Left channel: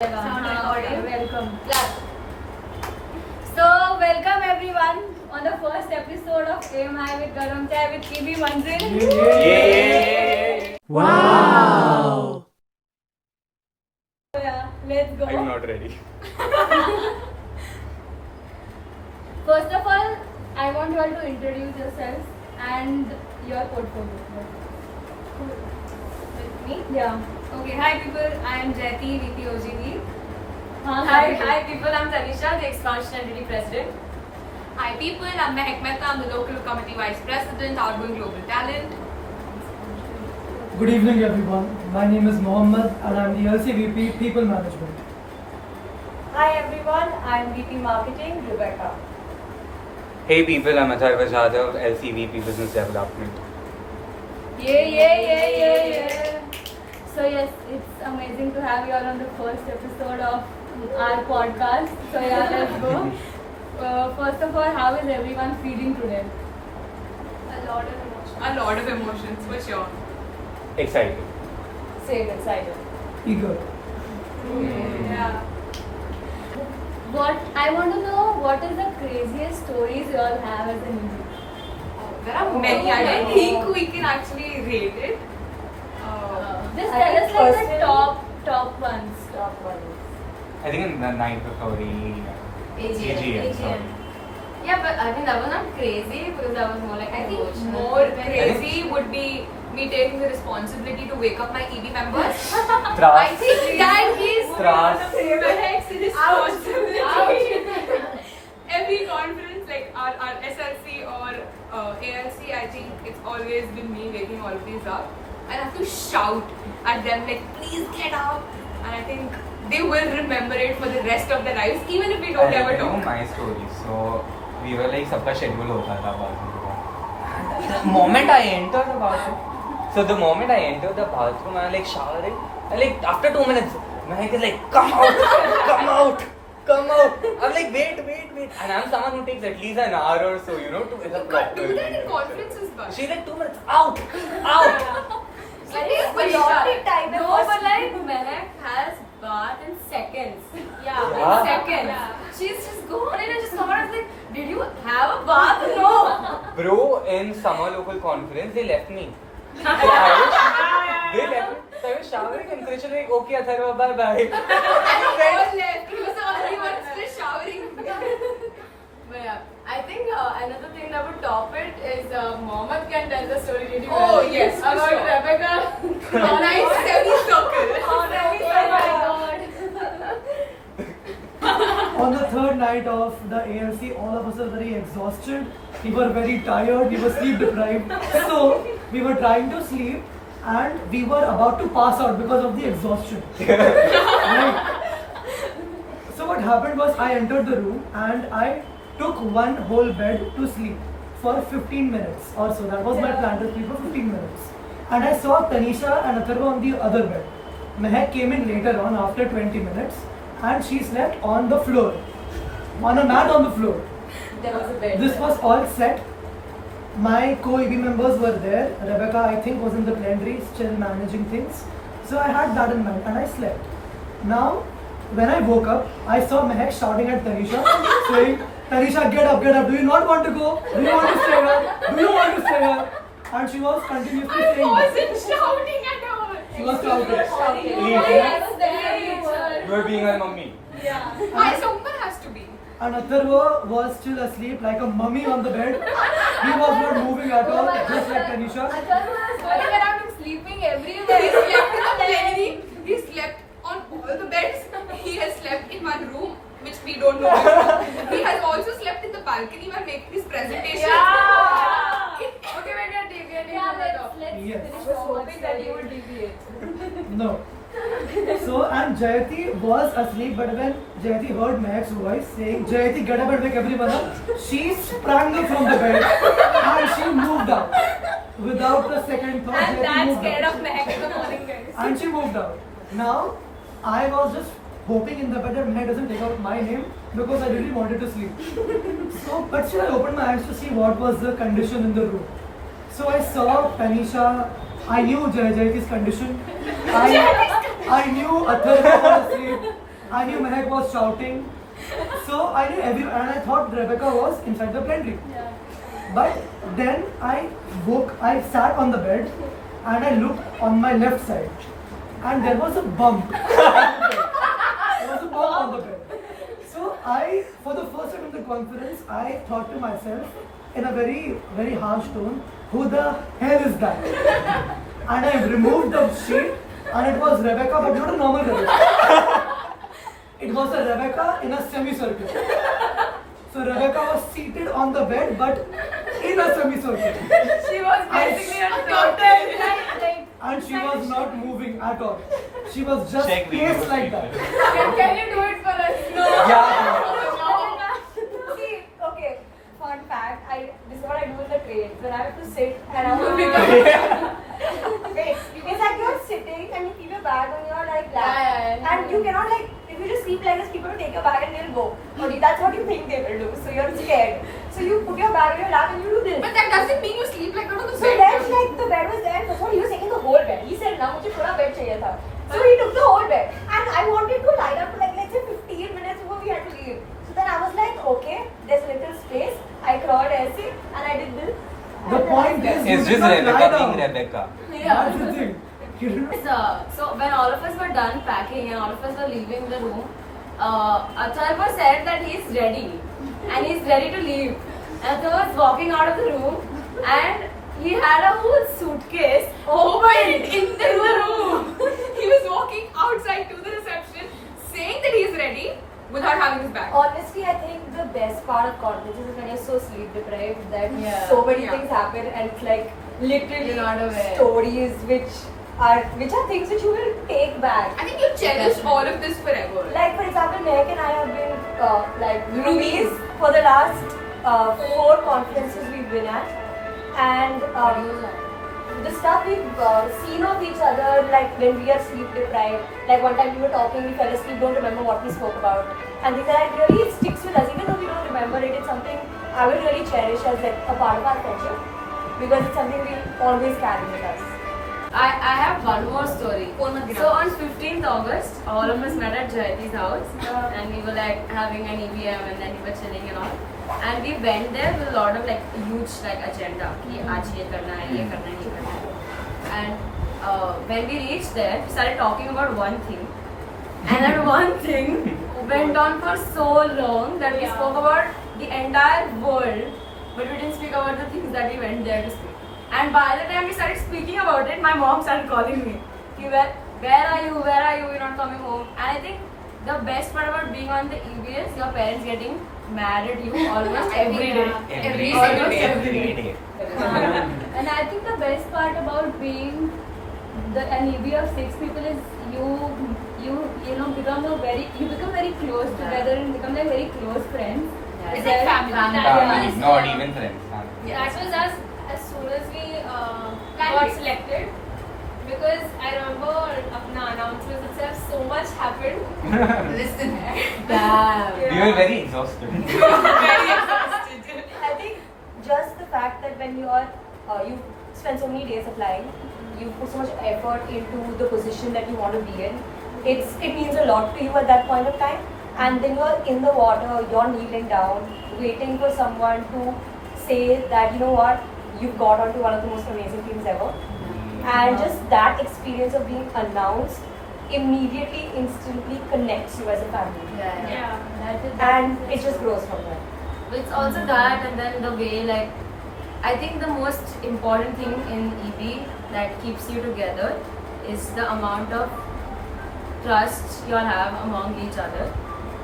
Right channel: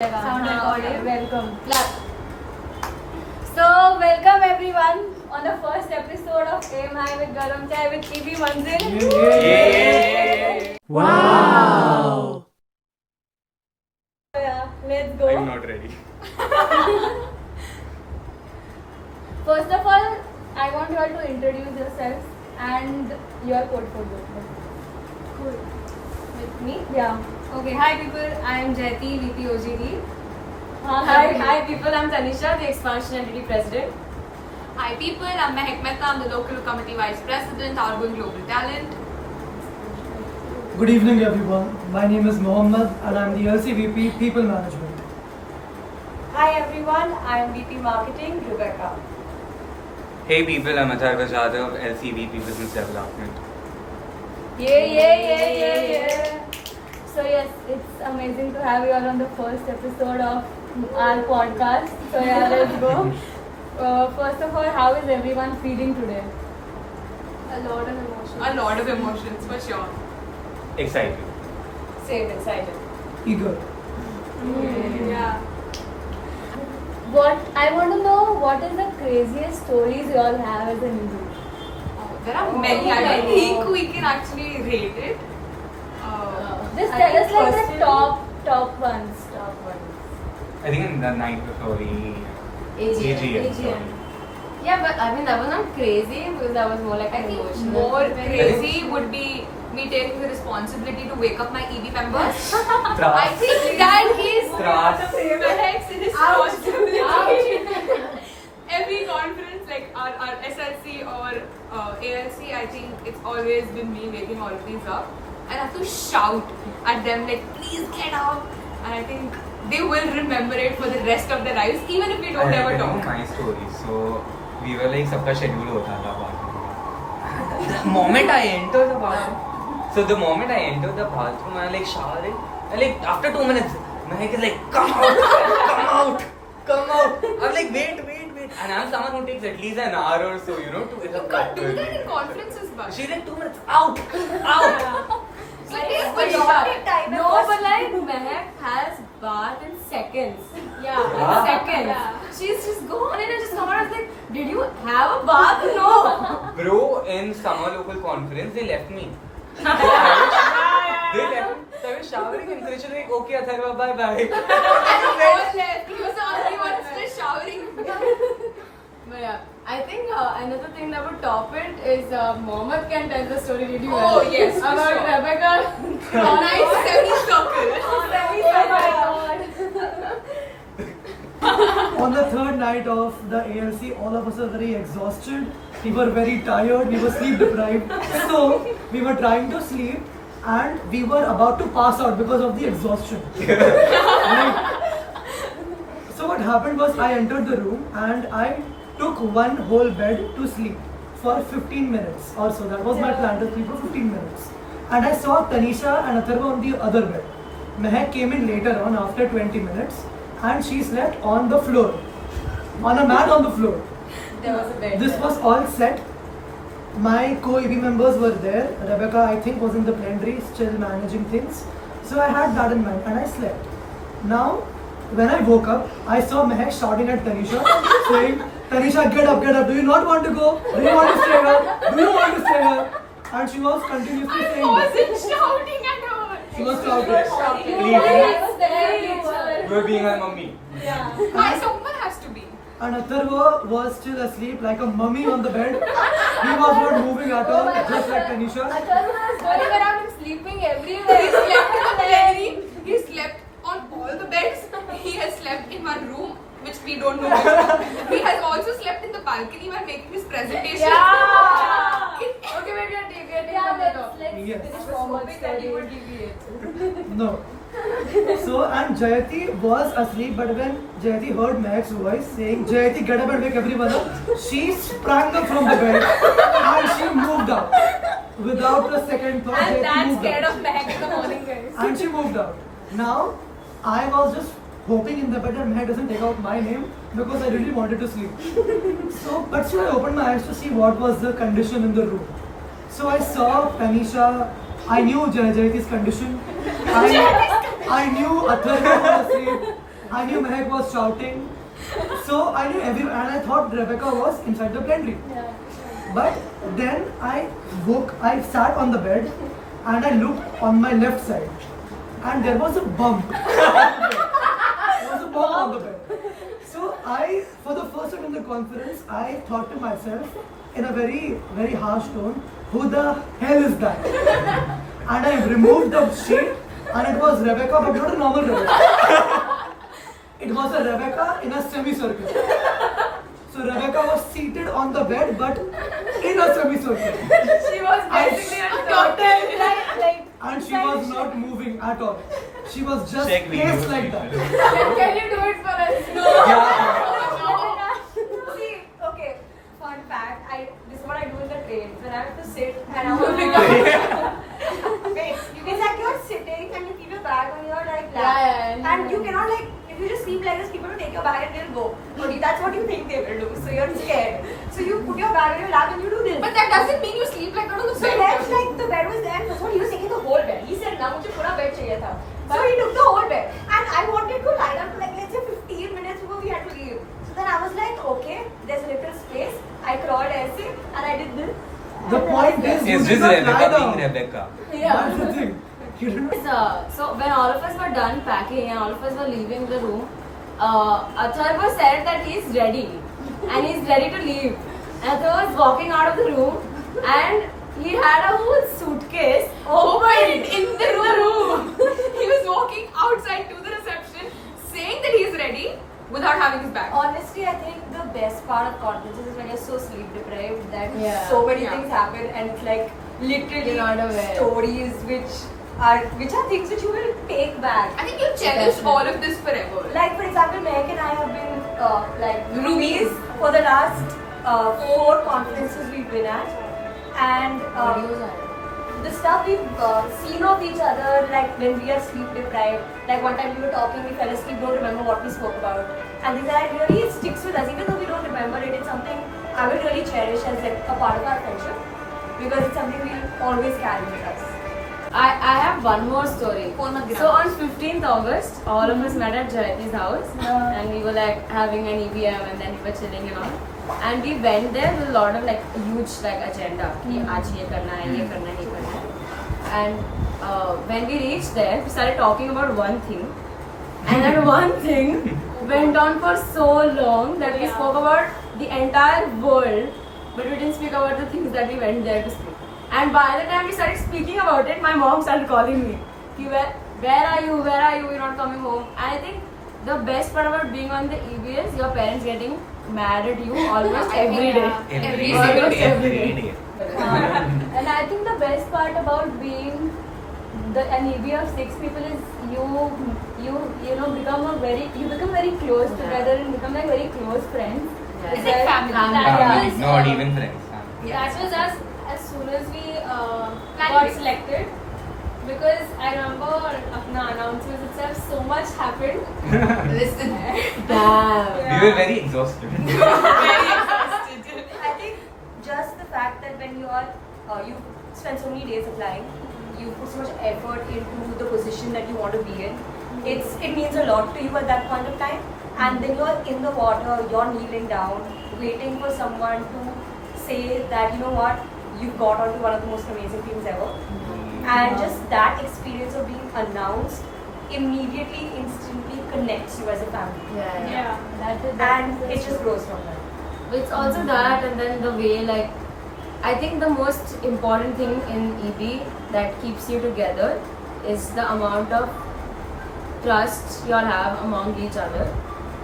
Welcome. So, welcome everyone on the first episode of AMI with Garam Chai with EB Manzil. Wow! Yeah, let's go. I'm not ready. First of all, I want you all to introduce yourselves and your portfolio. Cool. With me? Yeah. Okay, hi people, I am Jyoti, VP OGD. Hi people, I'm Tanisha, the Expansion Entity President. Hi people, I'm Mehak Mehta, I'm the Local Committee Vice President, Outgoing Global Talent. Good evening everyone. My name is Mohammed and I am the LCVP People Management. Hi everyone, I am VP Marketing, Rebecca. Hey people, I'm Atharva Jadhav, LCVP Business Development. Yeah. So yes, it's amazing to have you all on the first episode of our podcast. So yeah, let's go. First of all, how is everyone feeling today? A lot of emotions, for sure. Excited. Same, excited. Eager. Yeah. What I want to know, what is the craziest stories you all have as an Indian? There are many, I don't think we can actually rate it. Just tell us like the top ones. I think in the night before AGM. Yeah, but I mean, that was not crazy because that was more like I think more crazy would be me taking the responsibility to wake up my EB members. I think that is Mehak's responsibility. Every conference, like our SLC or ALC, I think it's always been me waking all of these up. I have to shout at them like, please get up. And I think they will remember it for the rest of their lives, even if we don't ever talk. My story. So we were like, सबका schedule होता था bathroom. The moment I entered the bathroom, so the moment I entered the bathroom, I like showering. And like after 2 minutes, Mehak is like, come out. I'm like, wait. And I'm someone who takes at least an hour or so, to You can't do that in conferences, but She's like 2 minutes, out. So it is very short time. No, but like Mehak has bath in seconds. Yeah. Seconds. Yeah. She's gone and just come out and like, did you have a bath? No. Bro, in summer local conference, they left me. They left me. So I was showering and Krishna like, okay, Atharva, bye. And all left. He was the only one still showering. But yeah, I think another thing that would top it is Mohammed can tell the story really well. Oh, yes, for about sure. Rebecca. Nice semicircle. On the third night of the ALC, all of us were very exhausted. We were very tired. We were sleep deprived. So we were trying to sleep and we were about to pass out because of the exhaustion. Right? So what happened was I entered the room and I took one whole bed to sleep for 15 minutes or so. That was my plan, to sleep for 15 minutes. And I saw Tanisha and Atharva on the other bed. Mehak came in later on after 20 minutes and she slept on the floor, on a mat on the floor. There was a bed. This was all set. My co-EB members were there. Rebecca, I think, was in the plenary, still managing things. So I had that in mind and I slept. Now, when I woke up, I saw Mehak shouting at Tanisha, saying, Tanisha, get up. Do you not want to go? Do you want to stay here? And she was continuously I saying that. wasn't shouting at her. She was shouting. You were being a mummy. Someone has to be. And Atharva was still asleep like a mummy on the bed. He was not moving at all, just like Tanisha. Atharva was going around and sleeping He everywhere. slept in the plenary. He slept on all the beds. He has slept in my room, which we don't know. He has also slept in the balcony while making his presentation. Okay, we're gonna take it. Yes. I was hoping that you would deviate. No. So, and Jayati was asleep, but when Jayati heard Mehak's voice saying, Jayati, get up and wake everyone up, she sprang up from the bed and she moved out. Without a second thought, I'm Jayati that moved scared out. of Mehak in the morning, guys. And she moved out. Now, I was just hoping in the bed that Mehak doesn't take out my name because I really wanted to sleep. So, but still I opened my eyes to see what was the condition in the room. So I saw Tanisha, I knew Jayati's condition. I knew Atharva was asleep. I knew Mehak was shouting. So I knew everyone, and I thought Rebecca was inside the pantry. But then I sat on the bed and I looked on my left side and there was a bump. There was a bump on the bed. So for the first time in the conference, I thought to myself in a very, very harsh tone, who the hell is that? And I removed the sheet and it was Rebecca, but not a normal Rebecca. It was a Rebecca in a semicircle. So Rebecca was seated on the bed, but in a semicircle. She was basically a turtle. And she was not moving at all. She was just Check placed video. like that. Can you do it for us? Yeah. See, okay, fun fact, this is what I do in the train. When I have to sit and I want to wait, it's like you're sitting and you keep your bag on your like lap. Yeah, And you cannot like, if you just sleep like this, people will take your bag and they'll go. Or that's what you think they will do. So you're scared. So you put your bag on your lap and you do this. But that doesn't mean you sleep like that on the So bed. then like the bed was there and that's what he was taking the whole bed. He said, "Na mujhe pura bed chahiye tha." So he took the whole bed. And I wanted to lie down for like let's say 15 minutes before we had to leave. So then I was like, okay, there's a little space. I crawled aise and I did this. The point is, you Is did this not lie Rebecca down. being Rebecca? That's the thing. You did not. So when all of us were done packing and all of us were leaving the room, Acharya said that he is ready and he is ready to leave. And so was walking out of the room and he had a whole suitcase Opened in the room. He was walking outside to the reception saying that he is ready without having his bag. Honestly, I think the best part of conferences is when you're so sleep deprived that Yeah. so many Yeah. things happen and it's like literally You're not aware. stories which are things which you will take back. I think you cherish all of this forever. Like for example, Mehak and I have been like Roomies. roomies for the last 4 conferences we've been at, and the stuff we've seen of each other, like when we are sleep deprived. Like one time we were talking, we fell asleep, don't remember what we spoke about, and things like that really sticks with us, even though we don't remember it. It's something I will really cherish as like a part of our friendship because it's something we'll always carry with us. I have one more story. Phone mat So on 15th August, all of us met at Jayati's house and we were like having an EVM and then we were chilling and all. And we went there with a lot of like huge like agenda. कि आज ये करना है, ये करना है, ये करना है. And when we reached there, we started talking about one thing. And that one thing went on for so long that we spoke about the entire world, but we didn't speak about the things that we went there to speak. And by the time we started speaking about it, my mom started calling me. Where are you? Where are you? You're not coming home. And I think the best part about being on the EB is your parents getting mad at you almost every day. Every Almost single day. every day. And I think the best part about being an EB of 6 people is you know become very close together and become like very close friends. It's like family. Yeah. Not even friends. That was us as soon as we Like got it. selected. Because I remember अपना announcements itself, so much happened. Listen. Damn. We were very exhausted. Very exhausted. I think just the fact that when you spend so many days applying, you put so much effort into the position that you want to be in. It means a lot to you at that point of time. And then you're in the water, you're kneeling down, waiting for someone to say that, you know what, you've got onto one of the most amazing teams ever. And just that experience of being announced immediately, instantly connects you as a family. And it just grows from there. It's also that, and then the way, like, I think the most important thing in EB that keeps you together is the amount of trust you all have among each other.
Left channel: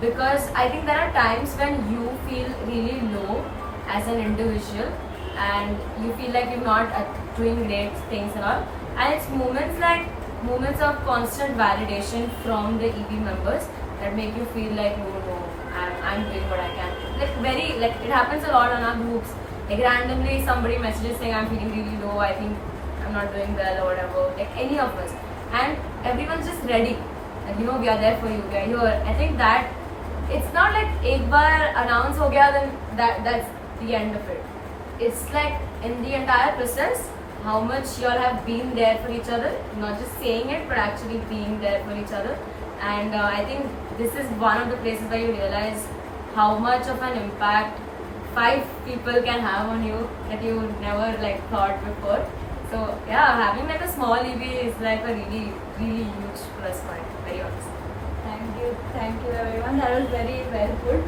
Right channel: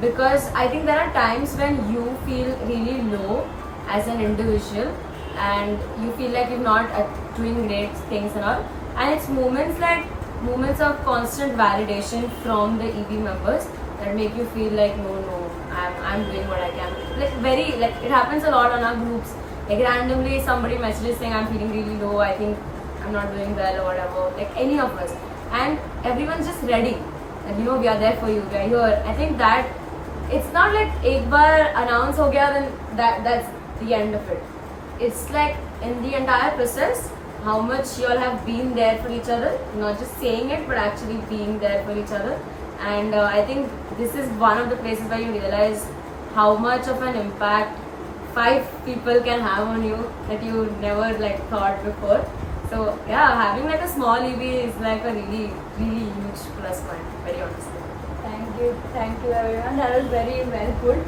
Because I think there are times when you feel really low as an individual and you feel like you're not doing great things and all. And it's moments of constant validation from the EB members that make you feel like, no, I'm doing what I can. Like it happens a lot on our groups. Like randomly somebody messages saying I'm feeling really low, I think I'm not doing well or whatever. Like any of us. And everyone's just ready. And we are there for you, we are here. I think that it's not like एक बार announce हो गया then that's the end of it. It's like in the entire process, how much you all have been there for each other, not just saying it but actually being there for each other. And I think this is one of the places where you realize how much of an impact 5 people can have on you that you never like thought before. So yeah, having like a small EB is like a really, really huge plus point, very honestly. Thank you everyone. That was very well put.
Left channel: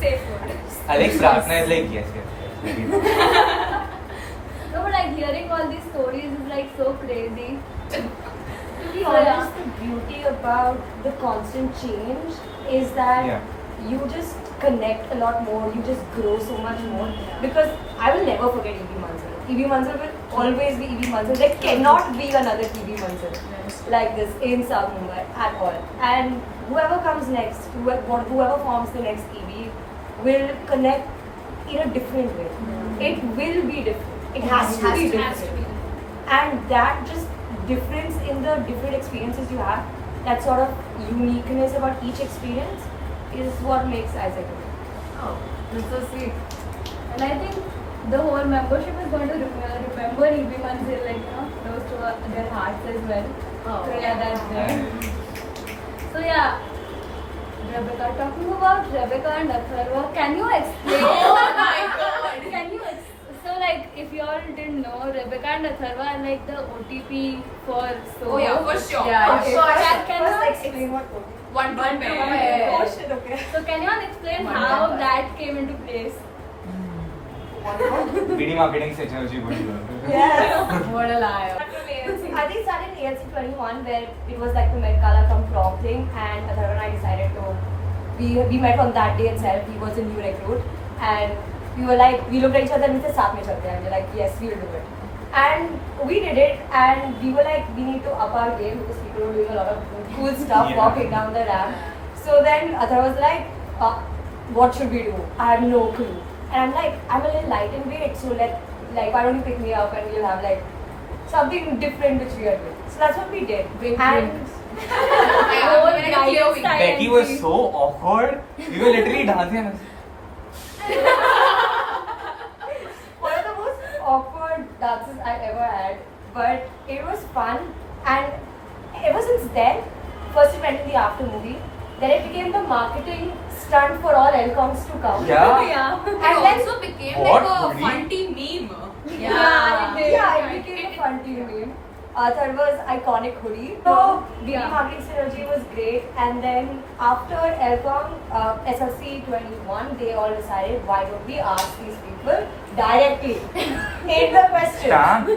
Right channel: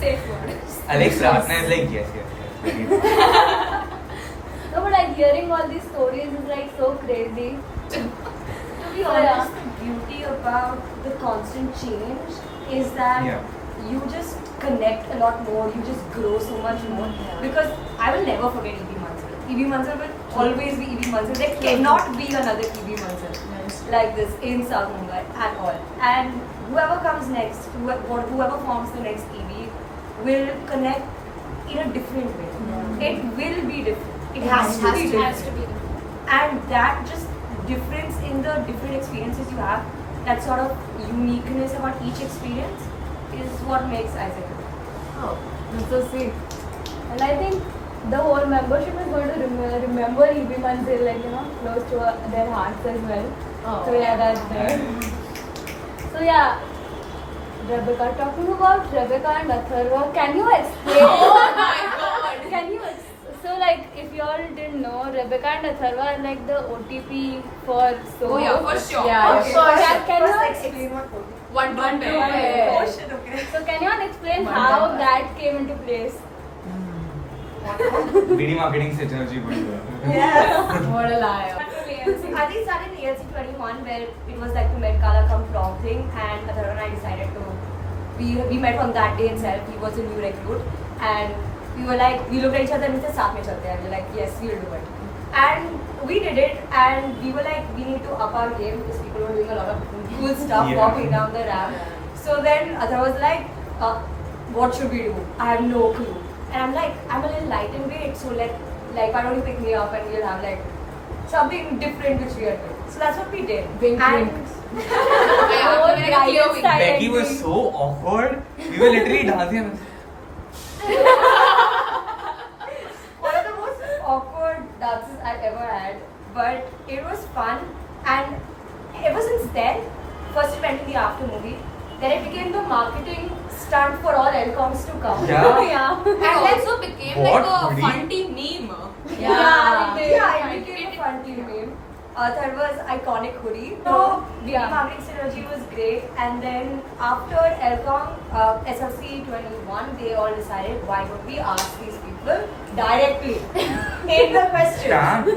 Safe word. Alex Ratna is like, yes. Very good. No, but like hearing all these stories is like so crazy. To be honest, the beauty about the constant change is that Yeah. you just connect a lot more, you just grow so much more. Because I will never forget EB Manzil. EB Manzil will always be EB Manzil. There cannot be another EB Manzil like this in South Mumbai at all. And whoever comes next, whoever forms the next EB will connect in a different way. It will be different. It has to be different. And that just difference in the different experiences you have, that sort of uniqueness about each experience is what makes Isaac. Oh, that's so sweet. And I think the whole membership is going to remember EB Manzil, like, close to their hearts as well. Oh. So yeah, that's there. So yeah, Rebecca, talking about Rebecca and Atharva, can you explain? Oh my god! Can you so like, if you all didn't know, Rebecca and Atharva are like the OTP for so. Oh yeah, for sure. Yeah, Okay, first, can you first explain what code. One to One pair. to pair. Oh shit, okay. So can you all explain One how time. that came into place? BD marketing से energy बढ़ी हुई है. Yes. What a liar. I think it started in ALC 21 where it was like the Met Gala come prom thing, and Atharva and I decided to, we met on that day itself. He was a new recruit and we were like, we looked at each other and we said, साथ में चलते हैं. We were like, yes, we will do it. And we did it, and we were like, we need to up our game because people were doing a lot of cool stuff Yeah. walking down the ramp. So then Atharva was like, what should we do? I have no clue. And I'm like, I'm a little light in weight, so why don't you pick me up and we'll have like something different which we are doing. So that's what we did. And Yeah, like a clear week. Becky was so awkward. We were literally dancing. one of the most awkward dances I ever had, but it was fun. And ever since then, first we went to the after movie, then it became the marketing stunt for all LCOMs to come. Yeah. Yeah. It And then also became What? like a Really? fun team meme. Yeah, yeah, it became a fun team meme. Third was iconic hoodie. So Yeah. marketing synergy was great. And then after LCOM, SLC 21, they all decided, why don't we ask these people directly in the question. Damn.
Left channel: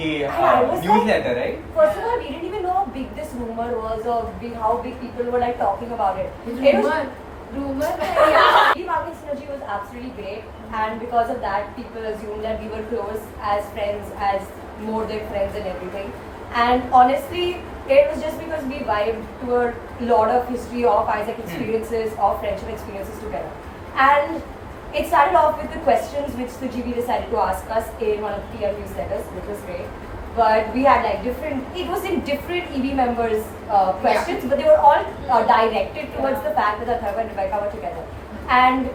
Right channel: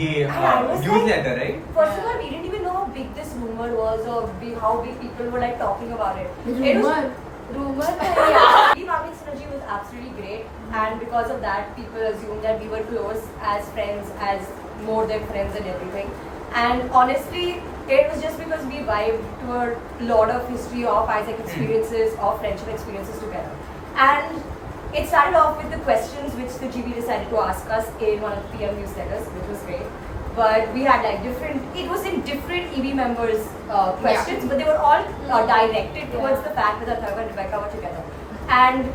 And I was like- Newsletter, right? First of all, we didn't even know how big this rumor was, or how big people were like talking about it. It was rumor. Yeah. The marketing synergy was absolutely great, and because of that, people assumed that we were close as friends, as more than friends and everything. And honestly, it was just because we vibed to a lot of history of Isaac experiences, of friendship experiences together. And it started off with the questions which the GB decided to ask us in one of the PM newsletters, which was great. But we had like it was in different EB members' questions, but they were all directed towards the fact that Atharva and Rebecca were together. And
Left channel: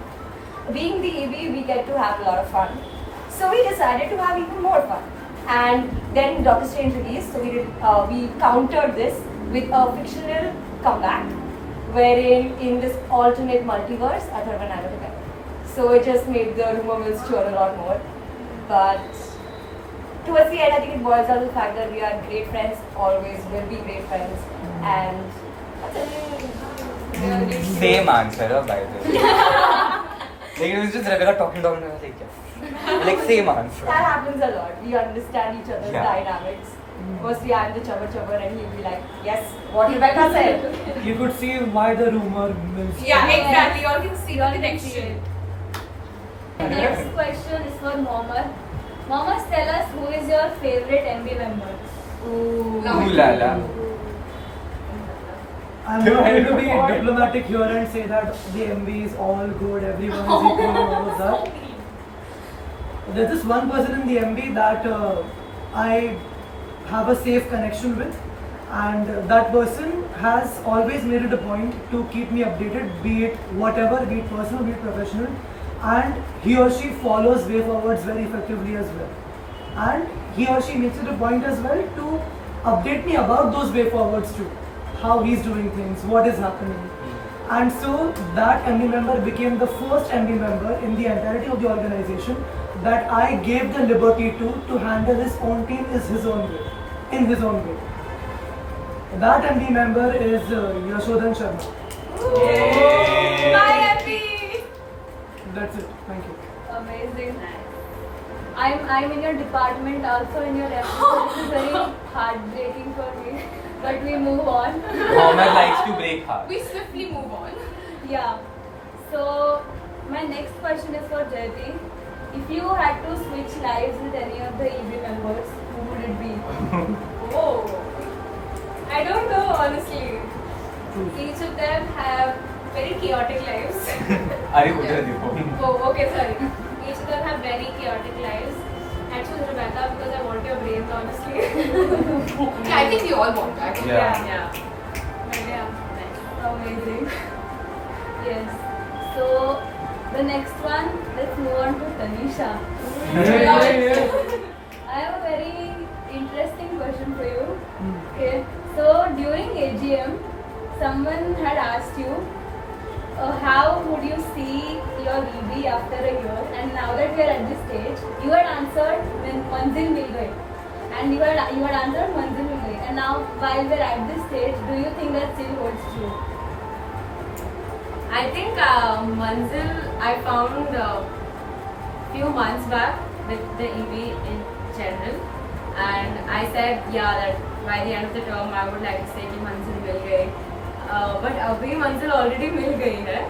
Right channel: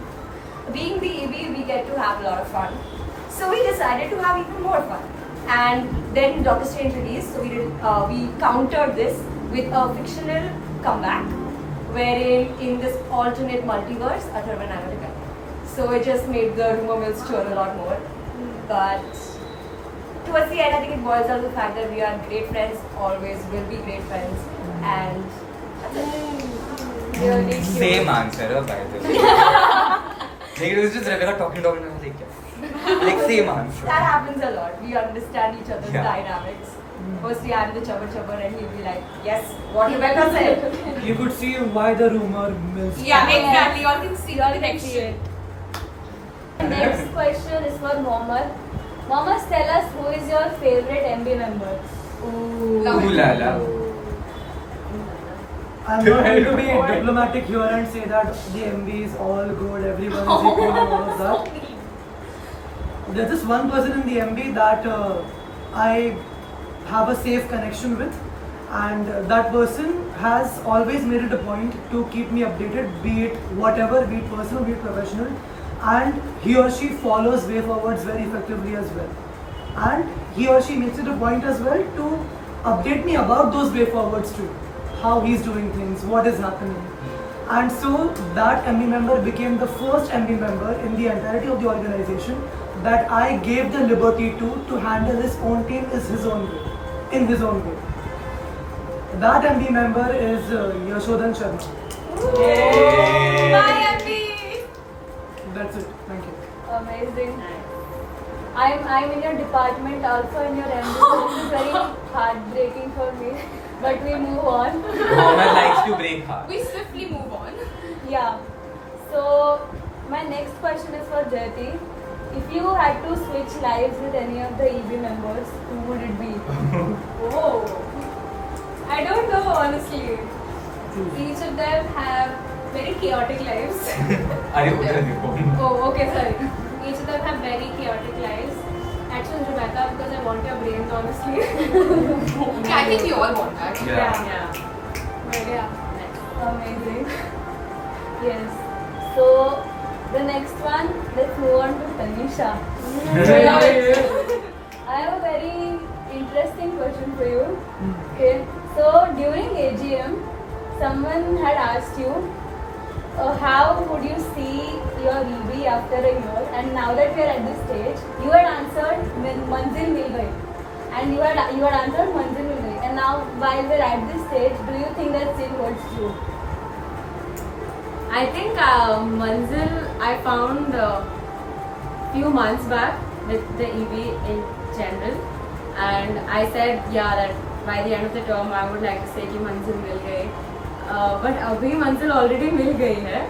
being the EB, we get to have a lot of fun. So we decided to have even more fun. And then Doctor Strange released, so we countered this with a fictional comeback, wherein in this alternate multiverse, Atharva and I were together. So it just made the rumor mill stir a lot more. But towards the end, I think it boils down to the fact that we are great friends, always will be great friends, and that's it. Really cute. Same answer, by the way. Like it was just Rebecca talking, and I was like, yes. Like same answer. That happens a lot. We understand each other's Yeah. dynamics. Mostly I'm the chubba and he'll be like, yes, what Rebecca said. You could see why the rumor mills. Yeah, exactly. You all can see the You all can see connection. it. Next question is for Mohammed. Mohammed, tell us who is your favorite MB member? Ooh la la. I'm not going to be diplomatic here and say that the MB is all good, everyone is equal and all of that. There's this one person in the MB that I have a safe connection with, and that person has always made it a point to keep me updated, be it whatever, be it personal, be it professional, and he or she follows way forwards very effectively as well. And he or she makes it a point as well to update me about those way forwards too. How he's doing things, what is happening. And so that MB member became the first MB member in the entirety of the organization that I gave the liberty to handle his own team is his own way, in his own way. That MB member is Yashodhan Sharma. Bye, MB. That's it. Thank you. Amazing. I'm in your department, also in your MD, so this is very heartbreaking for me. But we move on. Mohammed likes to break hearts. We swiftly move on. Yeah. So my next question is for Jyoti. If you had to switch lives with any of the EB members, who would it be? Oh. I don't know, honestly. Each of them have very chaotic lives. Are you udhar dekho? Oh, okay, sorry. Each of them have very chaotic lives. I choose Rebecca because I want your brains, honestly. I think we all want that. Yeah. But yeah, amazing. Yes. So the next one, let's move on to Tanisha. I have a very interesting question for you. Okay. So during AGM, someone had asked you, how would you see your EB after a year? And now that we are at this stage, you had answered Manzil Mil Gayi. And you had answered Manzil Mil Gayi. And now while we're at this stage, do you think that still holds true? I think Manzil I found few months back with the EB in general, and I said that by the end of the term I would like to say कि Manzil मिल गई, but अभी Manzil already मिल गई है.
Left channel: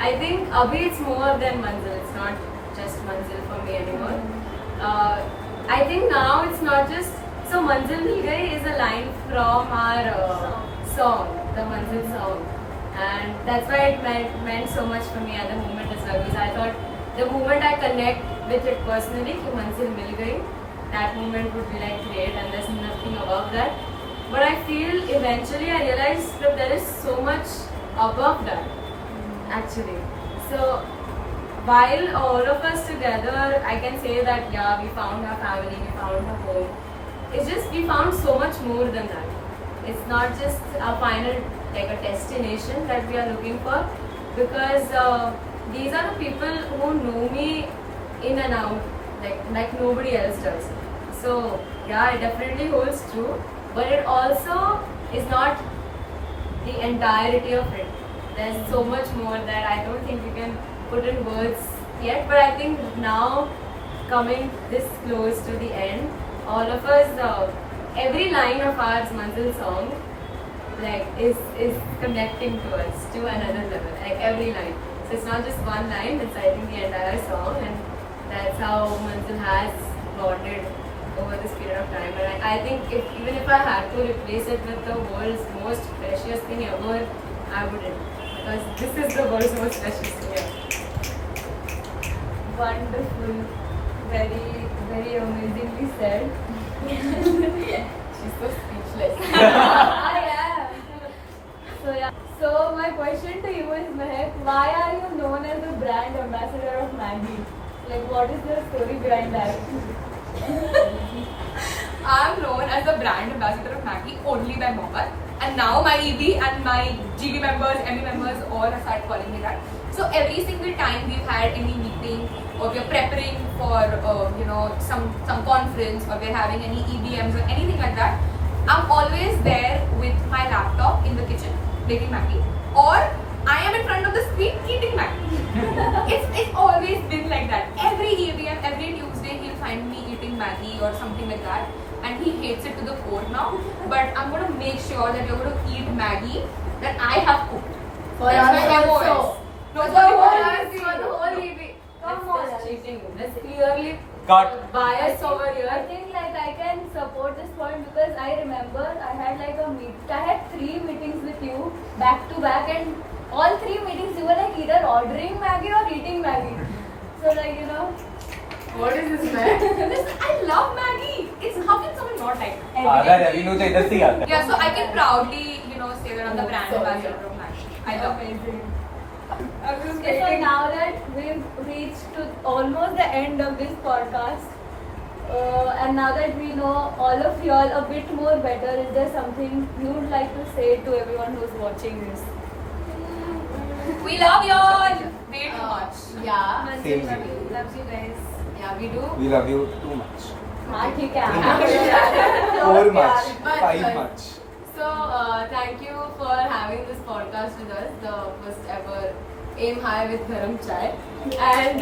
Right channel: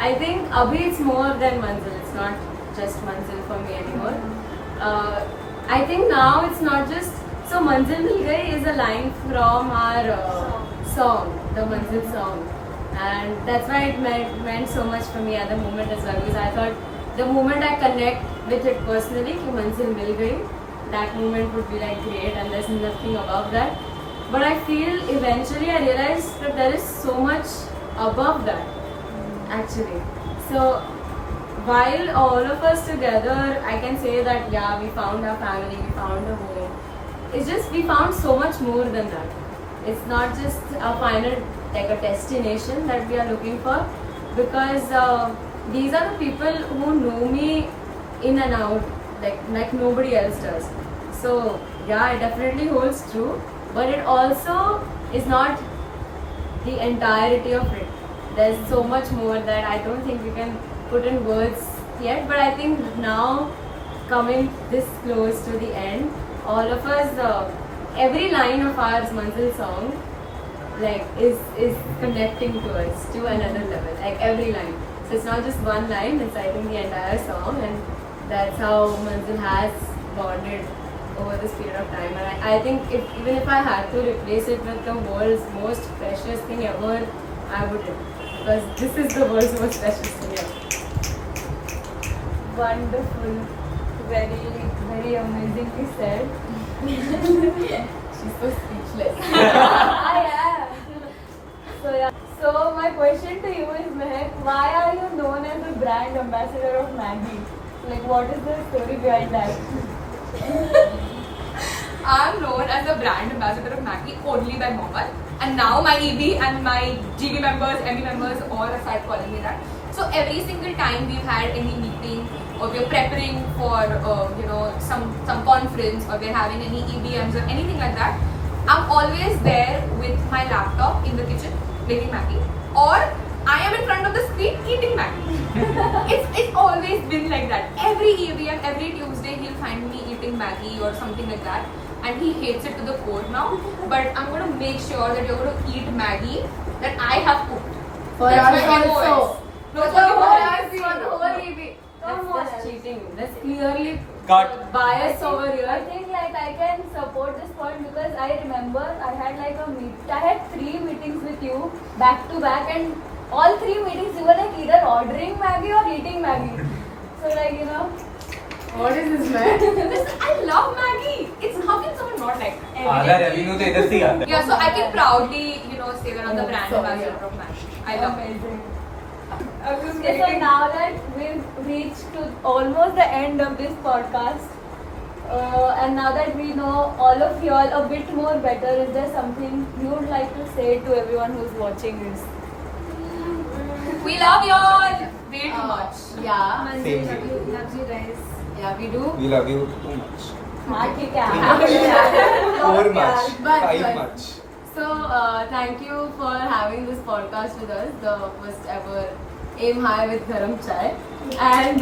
I think अभी it's more than Manzil. It's not just Manzil for me anymore. I think now it's not just so Manzil मिल गई is a line from our song, the Manzil song. And that's why it meant so much for me at the moment as well, because I thought the moment I connect with it personally, to Manzil Mil Gayi, that moment would be like great and there's nothing above that. But I feel eventually I realized that there is so much above that, actually. So while all of us together, I can say that we found our family, we found a home. It's just we found so much more than that. It's not just a final, like a destination that we are looking for, because these are the people who know me in and out, like nobody else does. So it definitely holds true, but it also is not the entirety of it. There's so much more that I don't think we can put in words yet, but I think now coming this close to the end, all of us, every line of our Manzil song is connecting to us to another level, like every line. So it's not just one line, it's I think the entire song, and that's how Manzil has bonded over this period of time. And I think even if I had to replace it with the world's most precious thing ever, I wouldn't, because this is the world's most precious thing ever. Wonderful. Very, very amazingly said. She's so speechless. I am. So my question to you is, Mehak, why are you known as the brand ambassador of Maggi? Like, what is the story behind that? I'm known as the brand ambassador of Maggi only by Mohammed, and now my EB and my GB members, ME members all have started calling me that. So every single time we've had any meeting or we're preparing for some conference or we're having any EBMs or anything like that, I'm always there with my laptop in the kitchen making Maggi, or I am in front of the screen eating Maggi. It's always been like that. Every EBM, every Tuesday he'll find me eating Maggi or something like that, and he hates it to the core now. But I'm gonna make sure that you're gonna eat Maggi that I have cooked. For That's us my also. MOS. No, For it's only for us, us. for the whole EB. That's cheating. That's clearly Cut. bias over I here. think I can support this point because I remember I had I had 3 meetings with you back to back, and all 3 meetings you were like either ordering Maggi or eating Maggi. So What is this, man? Listen, I love Maggi. It's how can someone not like it? आधा revenue तो इधर से ही आता है. Yeah, so I can proudly, say that I'm the brand ambassador of Maggi. I love it. amazing. Okay, so now that we've reached to almost the end of this podcast, And now that we know all of you all a bit more better, is there something you would like to say to everyone who's watching this? We love y'all way too much. Yeah. Same way. Loves you guys. Yeah, we do. We love you too much. हाँ ठीक है. 4 much. But- 5 but- much. So, thank you for having this podcast with us, the first ever Aim High with Garam Chai. And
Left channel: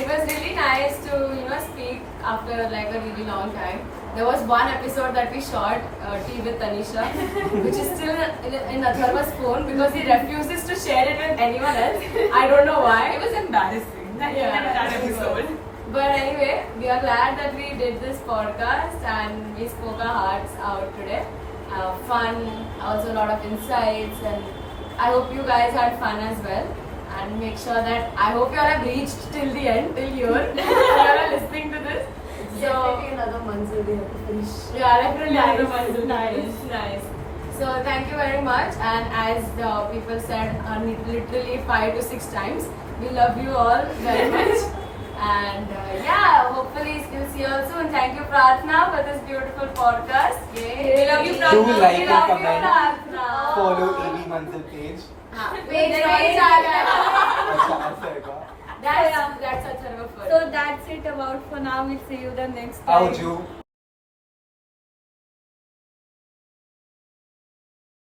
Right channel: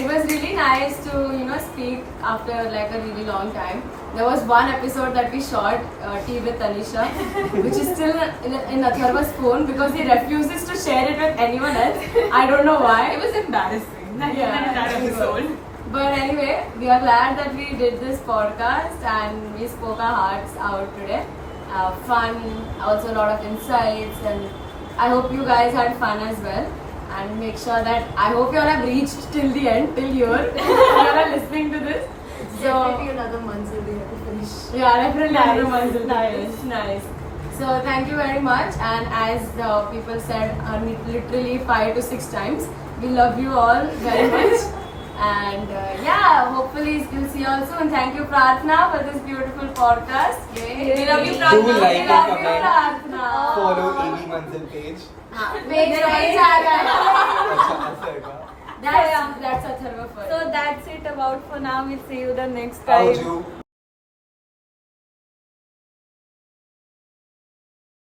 it was really nice to, speak after like a really long time. There was one episode that we shot, Tea with Tanisha, which is still in Atharva's phone because he refuses to share it with anyone else. I don't know why. It was embarrassing. That Yeah. episode. But anyway, we are glad that we did this podcast and we spoke our hearts out today. Fun, also a lot of insights, and I hope you guys had fun as well. And make sure that I hope you all have reached till the end, till here. You all are listening to this. So another Manzil we have to finish. yeah, definitely another Manzil. Nice. Nice. So thank you very much. And as the people said, literally 5 to 6 times, we love you all very much. And yeah, hopefully we'll see you all soon. Thank you, Pratna, for this beautiful podcast. We love you, Do Pratna. like We and love you, comment. Pratna. Follow EB Manzil page. Page आ रहा है. अच्छा ऐसा है क्या? That's Atharva first. So that's it about for now. We'll see you the next time. Auju.